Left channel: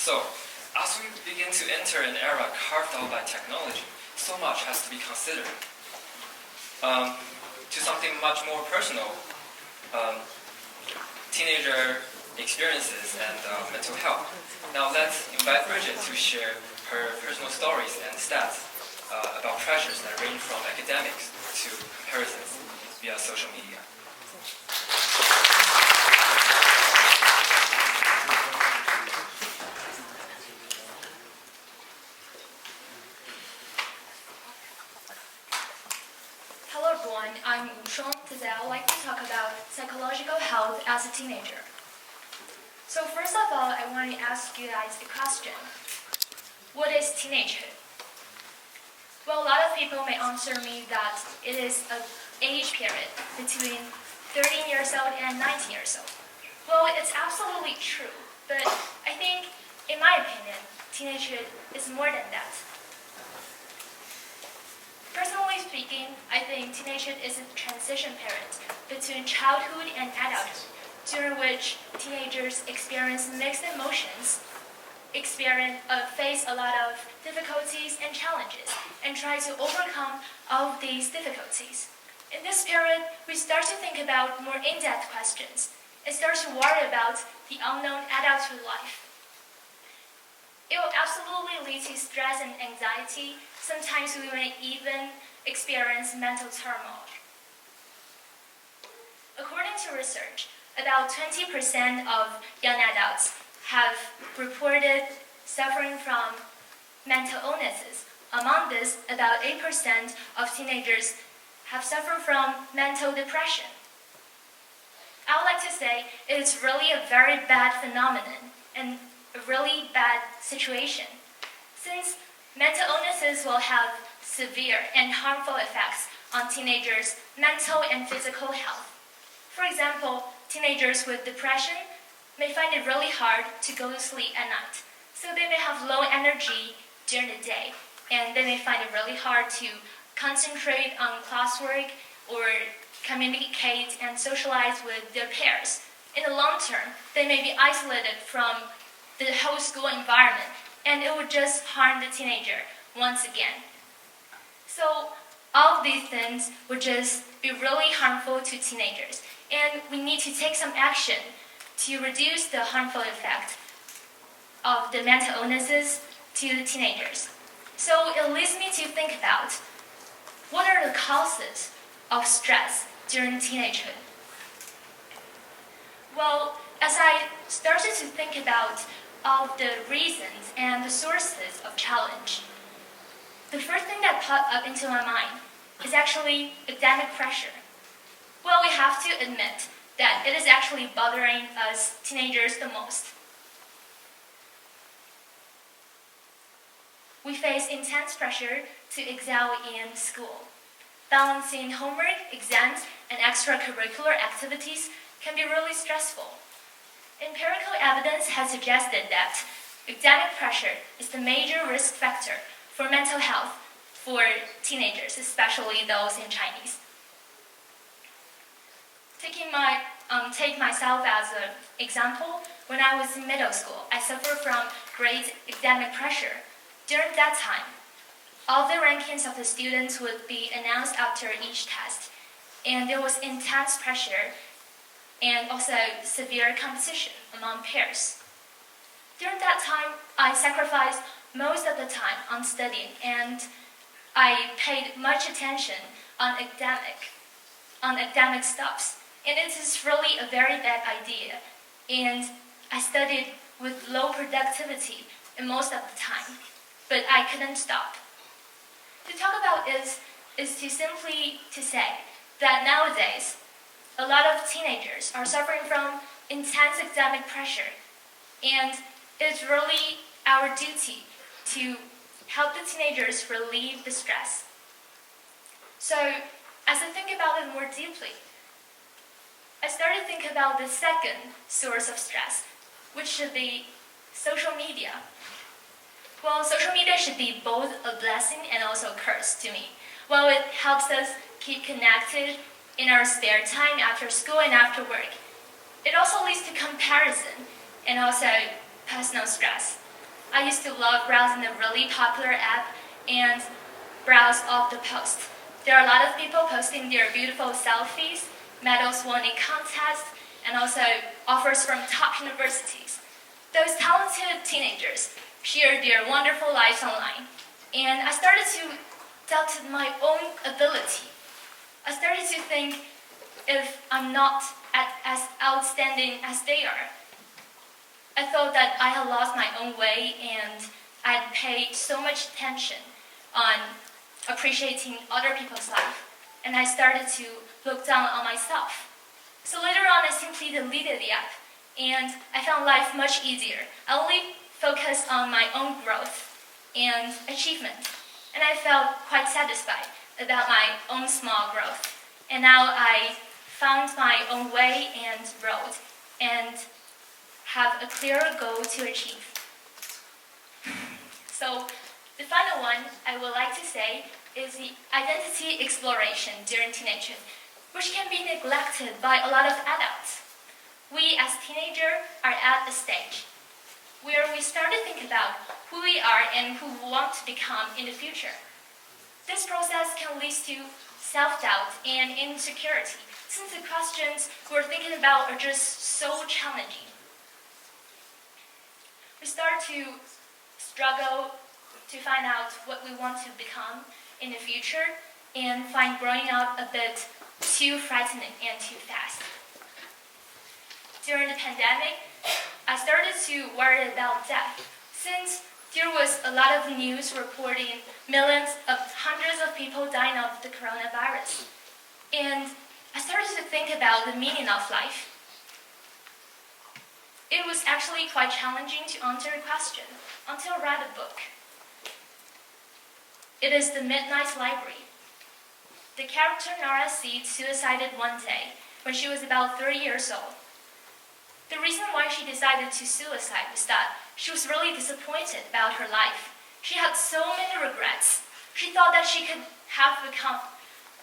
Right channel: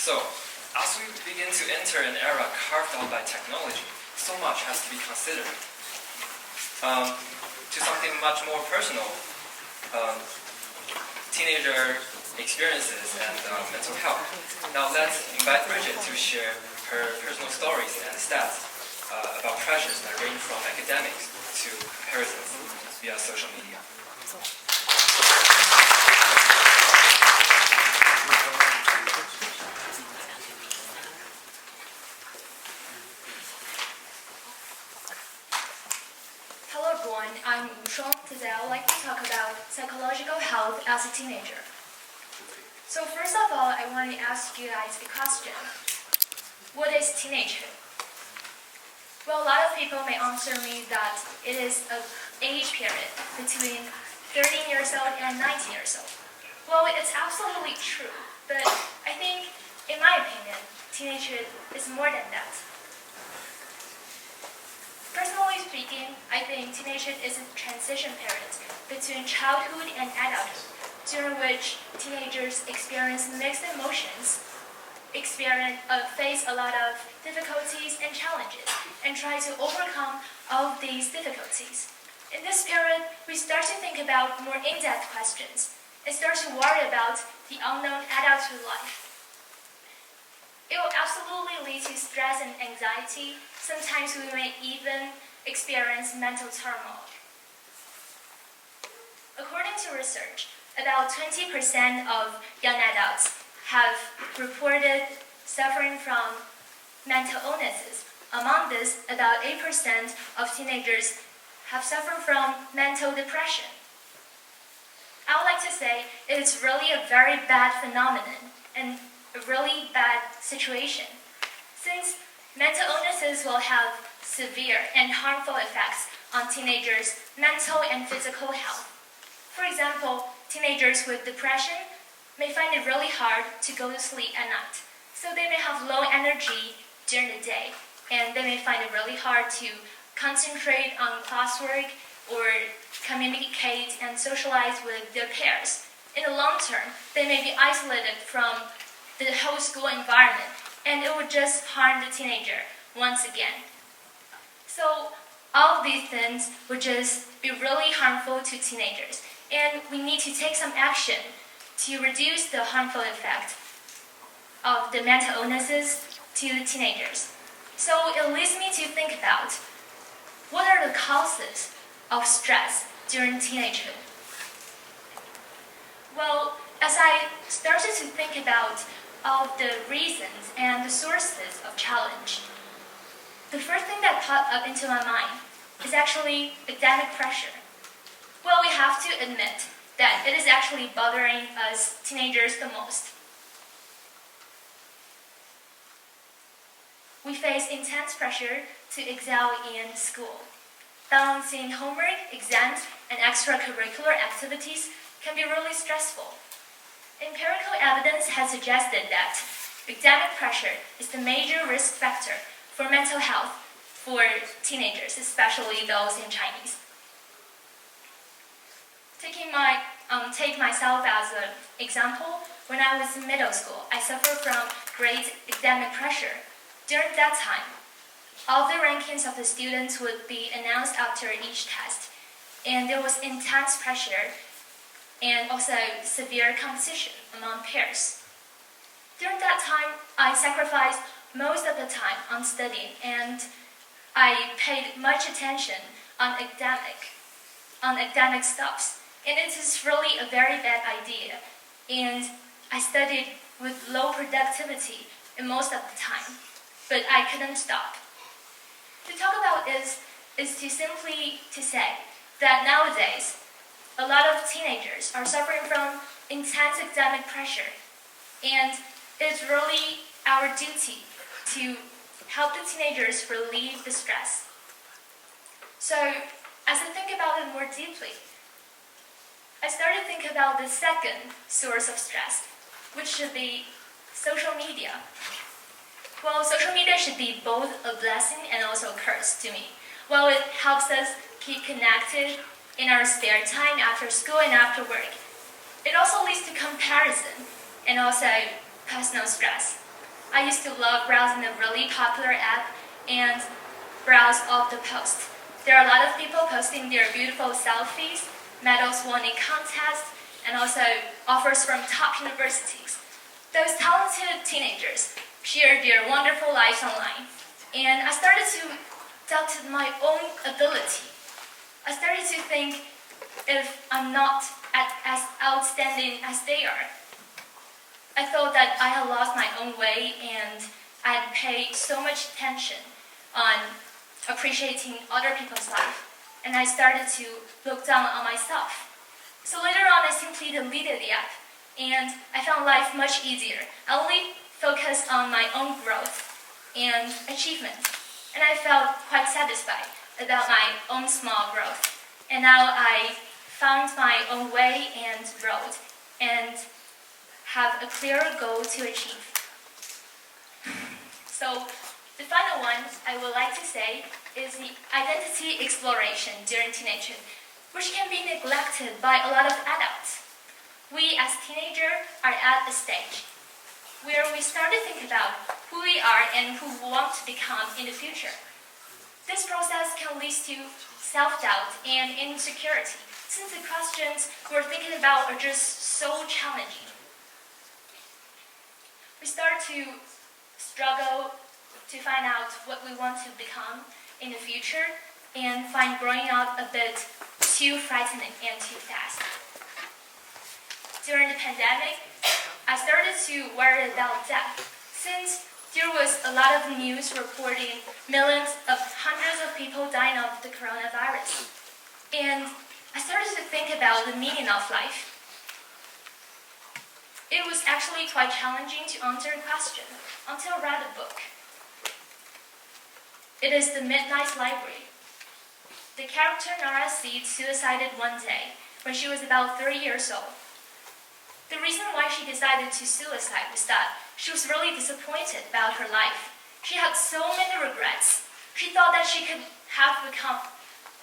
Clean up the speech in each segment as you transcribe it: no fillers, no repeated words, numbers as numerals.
So, as we begin to enter an era carved out by technology, so much has to be considered. To something much more personal, teenager experiences and mental health. Now let's invite Bridget to share her personal stories and stats about pressures that range from academics to comparisons via social media. Hello everyone, I'm Shuang. Today I would like to talk about psychological health as a teenager. So first of all, I want to ask you guys a question. What is teenagehood? Well, a lot of people may answer me that it is an age period between 13 years old and 19 years old. Well, it's absolutely true, but I think, in my opinion, teenagehood is more than that. Personally speaking, I think teenagehood is a transition period between childhood and adulthood, during which teenagers experience mixed emotions, face a lot of difficulties and challenges, and try to overcome all of these difficulties. In this period, we start to think about more in-depth questions and start to worry about the unknown adulthood life. It will absolutely lead to stress and anxiety. Sometimes we may even experience mental turmoil. According to research, about 20% of young adults have reported suffering from mental illnesses. Among this, about 8% of teenagers have suffered from mental depression. I would like to say it is really a very bad phenomenon and a really bad situation, since mental illnesses will have severe and harmful effects on teenagers' mental and physical health. For example, teenagers with depression may find it really hard to go to sleep at night, so they may have low energy during the day, and they may find it really hard to concentrate on classwork or communicate and socialize with their peers. In the long term, they may be isolated from the whole school environment, and it would just harm the teenager once again. So all of these things would just be really harmful to teenagers, and we need to take some action to reduce the harmful effect of the mental illnesses to the teenagers. So it leads me to think about what are the causes of stress during teenagehood. Well, as I started to think about all of the reasons and the sources of challenge, the first thing that popped up into my mind is actually academic pressure. Well, we have to admit that it is actually bothering us teenagers the most. We face intense pressure to excel in school. Balancing homework, exams, and extracurricular activities can be really stressful. Empirical evidence has suggested that academic pressure is the major risk factor for mental health for teenagers, especially those in Chinese. Take myself as an example. When I was in middle school, I suffered from great academic pressure. During that time, all the rankings of the students would be announced after each test, and there was intense pressure and also severe competition among peers. During that time, I sacrificed most of the time on studying, and I paid much attention on academic stuffs. And it is really a very bad idea, and I studied with low productivity in most of the time, but I couldn't stop. To talk about is to simply to say that nowadays, a lot of teenagers are suffering from intense academic pressure, and it's really our duty to help the teenagers relieve the stress. So, as I think about it more deeply, I started to think about the second source of stress, which should be social media. Well, social media should be both a blessing and also a curse to me. Well, it helps us keep connected in our spare time after school and after work. It also leads to comparison and also personal stress. I used to love browsing a really popular app and browse all the posts. There are a lot of people posting their beautiful selfies, medals won in contests, and also offers from top universities. Those talented teenagers shared their wonderful lives online, and I started to doubt my own ability. I started to think if I'm not as outstanding as they are. I thought that I had lost my own way and I'd paid so much attention on appreciating other people's life, and I started to look down on myself. So later on, I simply deleted the app, and I found life much easier. I only focused on my own growth and achievement, and I felt quite satisfied about my own small growth. And now I found my own way and road, and have a clearer goal to achieve. So the final one I would like to say is the identity exploration during teenagehood, which can be neglected by a lot of adults. We as teenagers are at a stage where we start to think about who we are and who we want to become in the future. This process can lead to self-doubt and insecurity, since the questions we're thinking about are just so challenging. We start to struggle to find out what we want to become in the future and find growing up a bit too frightening and too fast. During the pandemic, I started to worry about death, since there was a lot of news reporting hundreds of people dying of the coronavirus. And I started to think about the meaning of life. It was actually quite challenging to answer the question until I read a book. It is The Midnight Library. The character Nara Seed suicided one day when she was about 3 years old. The reason why she decided to suicide was that she was really disappointed about her life. She had so many regrets. She thought that she could have become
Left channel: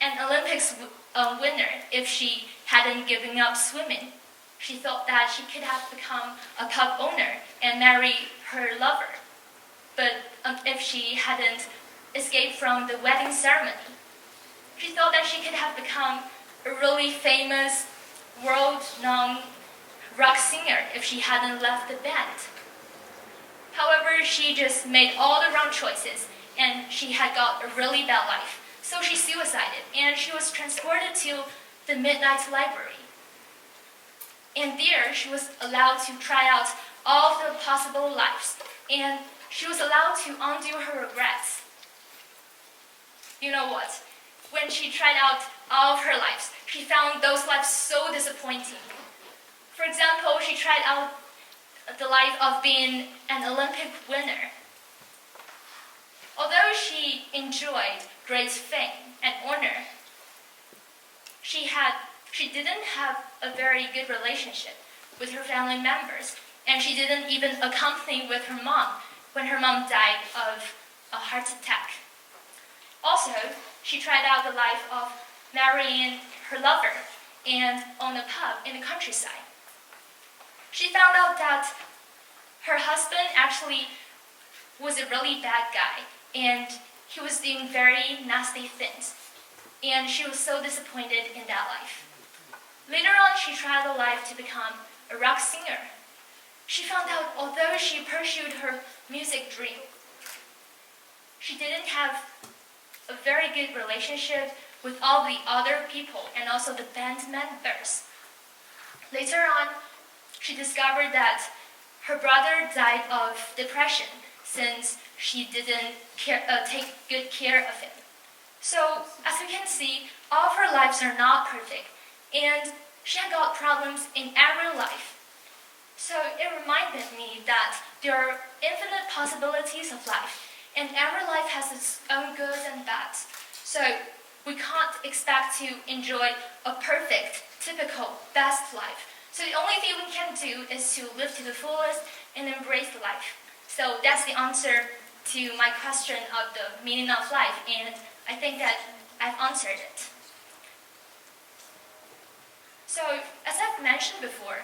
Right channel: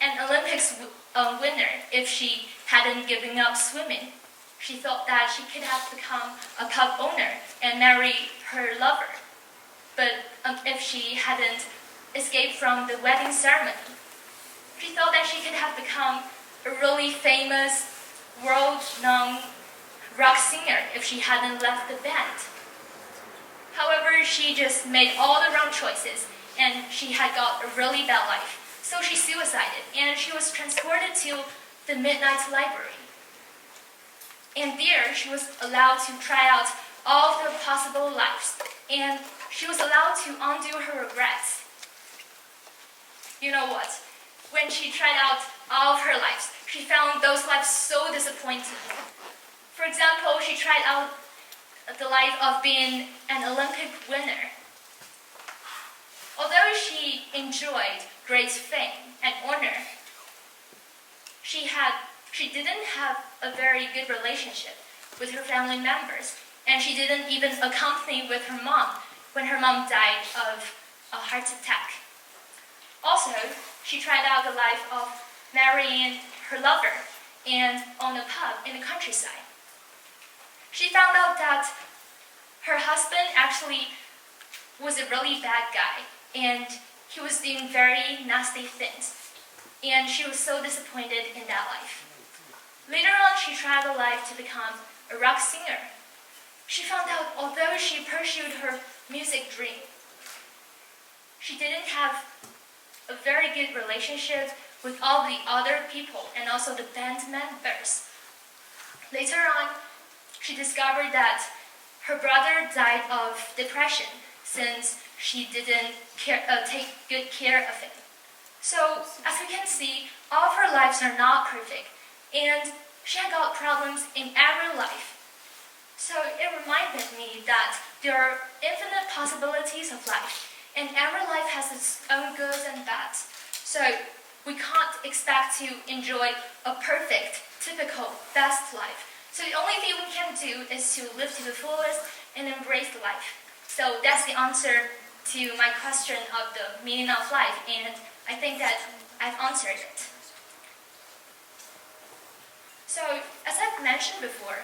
an Olympics winner if she hadn't given up swimming. She thought that she could have become a pub owner and marry her lover. But if she hadn't escaped from the wedding ceremony, she thought that she could have become a really famous, world-known rock singer if she hadn't left the band. However, she just made all the wrong choices, and she had got a really bad life. So she suicided, and she was transported to the Midnight Library. And there, she was allowed to try out all of the possible lives, and she was allowed to undo her regrets. You know what? When she tried out all of her lives, she found those lives so disappointing. For example, she tried out the life of being an Olympic winner. Although she enjoyed great fame and honor, she didn't have a very good relationship with her family members, and she didn't even accompany with her mom when her mom died of a heart attack. Also, she tried out the life of marrying her lover and own a pub in the countryside. She found out that her husband actually was a really bad guy, and he was doing very nasty things, and she was so disappointed in that life. Later on, she tried the life to become a rock singer. She found out although she pursued her music dream, she didn't have a very good relationship with all the other people and also the band members. Later on, she discovered that her brother died of depression since she didn't take good care of him. So, as we can see, all of her lives are not perfect, and she had got problems in every life. So it reminded me that there are infinite possibilities of life, and every life has its own goods and bads. So we can't expect to enjoy a perfect, typical, best life. So the only thing we can do is to live to the fullest and embrace life. So that's the answer to my question of the meaning of life, and I think that I've answered it. So, as I've mentioned before,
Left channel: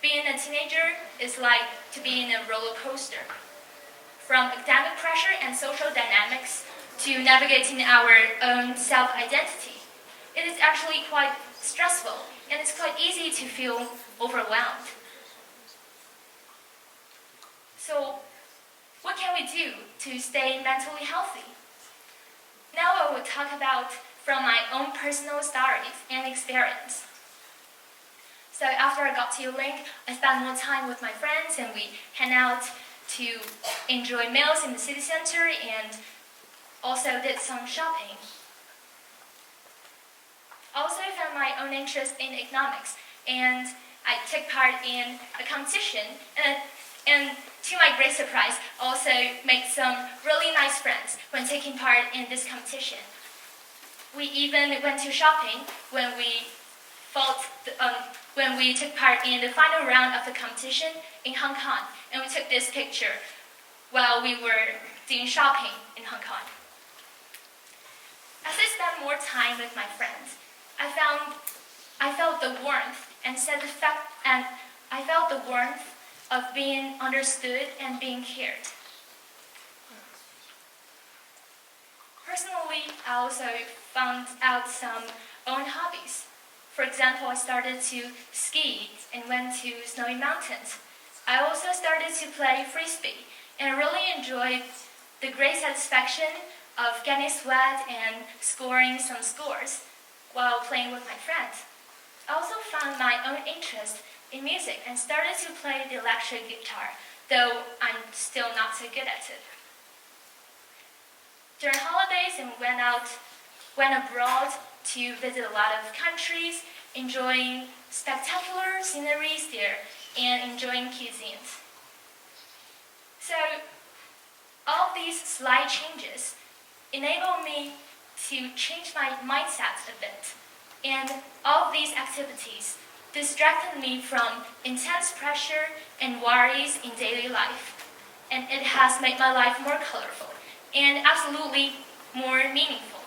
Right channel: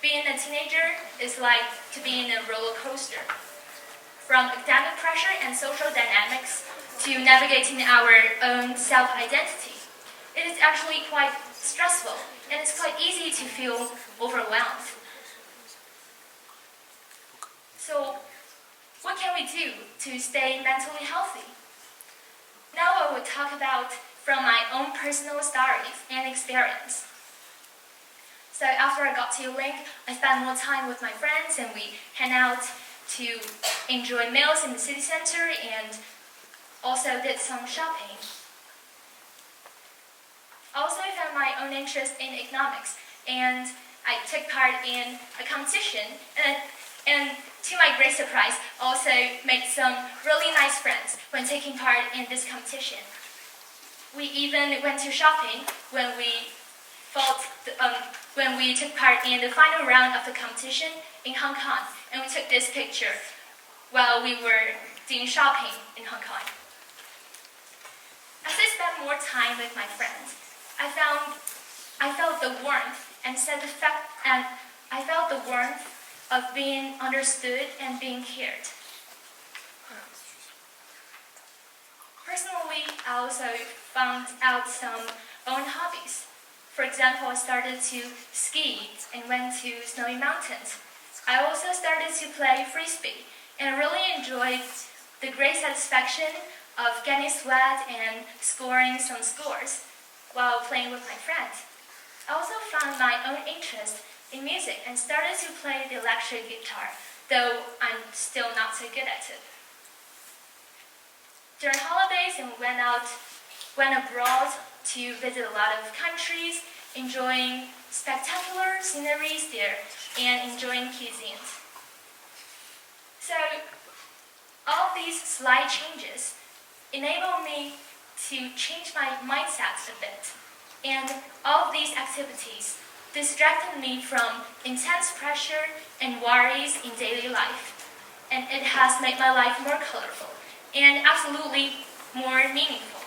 being a teenager is like to be in a roller coaster. from academic pressure and social dynamics to navigating our own self-identity. It is actually quite stressful, and it's quite easy to feel overwhelmed. So, what can we do to stay mentally healthy? Now I will talk about from my own personal stories and experience. So after I got TEDxUlink, I spent more time with my friends and we hang out to enjoy meals in the city center and also did some shopping. I also found my own interest in economics and I took part in a competition and to my great surprise, also made some really nice friends when taking part in this competition. We even went to shopping when we took part in the final round of the competition in Hong Kong, and we took this picture while we were doing shopping in Hong Kong. As I spent more time with my friends, I felt the warmth I felt the warmth of being understood and being cared. Personally, I also found out some own hobbies. For example, I started to ski and went to snowy mountains. I also started to play frisbee and really enjoyed the great satisfaction of getting sweat and scoring some scores while playing with my friends. I also found my own interest in music and started to play the electric guitar, though I'm still not so good at it. During holidays, I went abroad to visit a lot of countries, enjoying spectacular sceneries there and enjoying cuisines. So, all these slight changes enable me to change my mindset a bit, and all of these activities distracted me from intense pressure and worries in daily life, and it has made my life more colorful and absolutely more meaningful.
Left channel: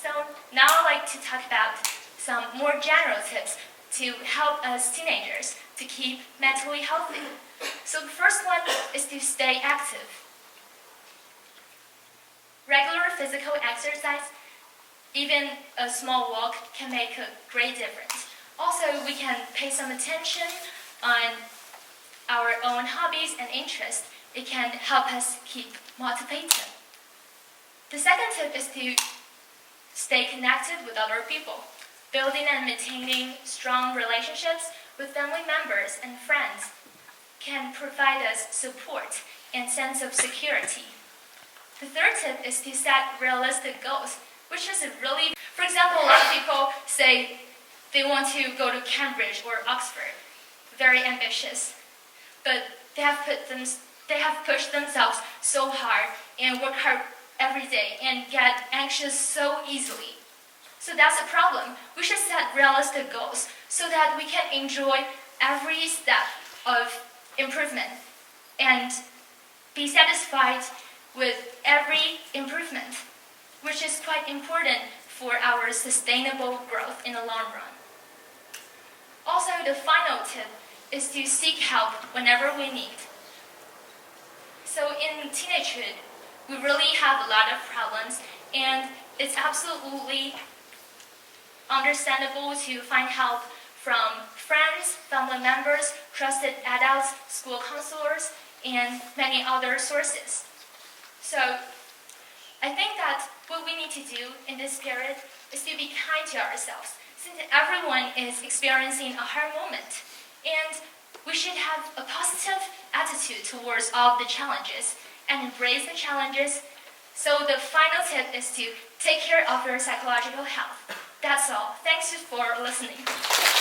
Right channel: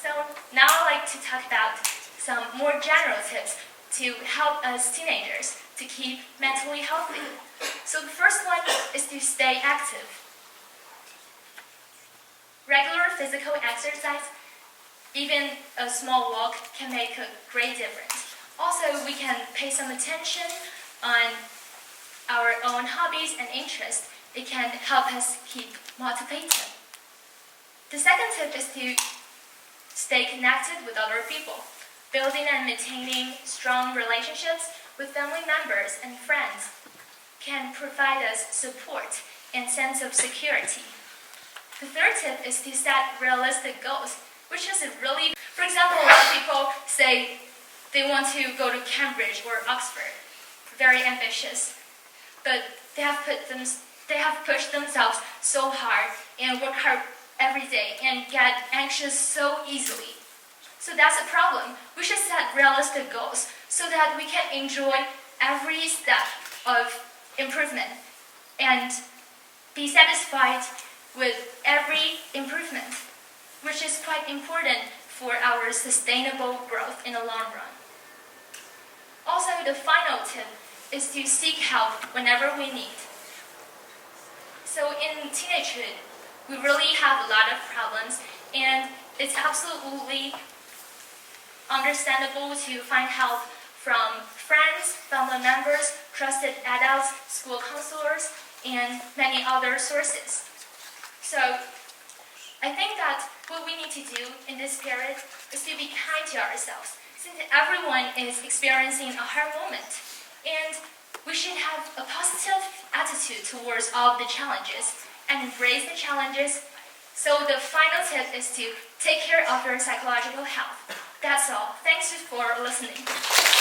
So now I'd like to talk about some more general tips to help us teenagers to keep mentally healthy. So the first one is to stay active. Regular physical exercise, even a small walk, can make a great difference. Also, we can pay some attention on our own hobbies and interests. It can help us keep motivated. The second tip is to stay connected with other people. Building and maintaining strong relationships with family members and friends can provide us support and sense of security. The third tip is to set realistic goals, which is really, for example, a lot of people say they want to go to Cambridge or Oxford, very ambitious, but they have pushed themselves so hard and work hard every day and get anxious so easily. So that's a problem. We should set realistic goals so that we can enjoy every step of improvement and be satisfied with every improvement, which is quite important for our sustainable growth in the long run. Also, the final tip is to seek help whenever we need. So in teenagehood, we really have a lot of problems, and it's absolutely understandable to find help from friends, family members, trusted adults, school counselors, and many other sources. So I think that what we need to do in this period is to be kind to ourselves, since everyone is experiencing a hard moment, and we should have a positive attitude towards all of the challenges and embrace the challenges. So the final tip is to take care of your psychological health. That's all. Thanks for listening.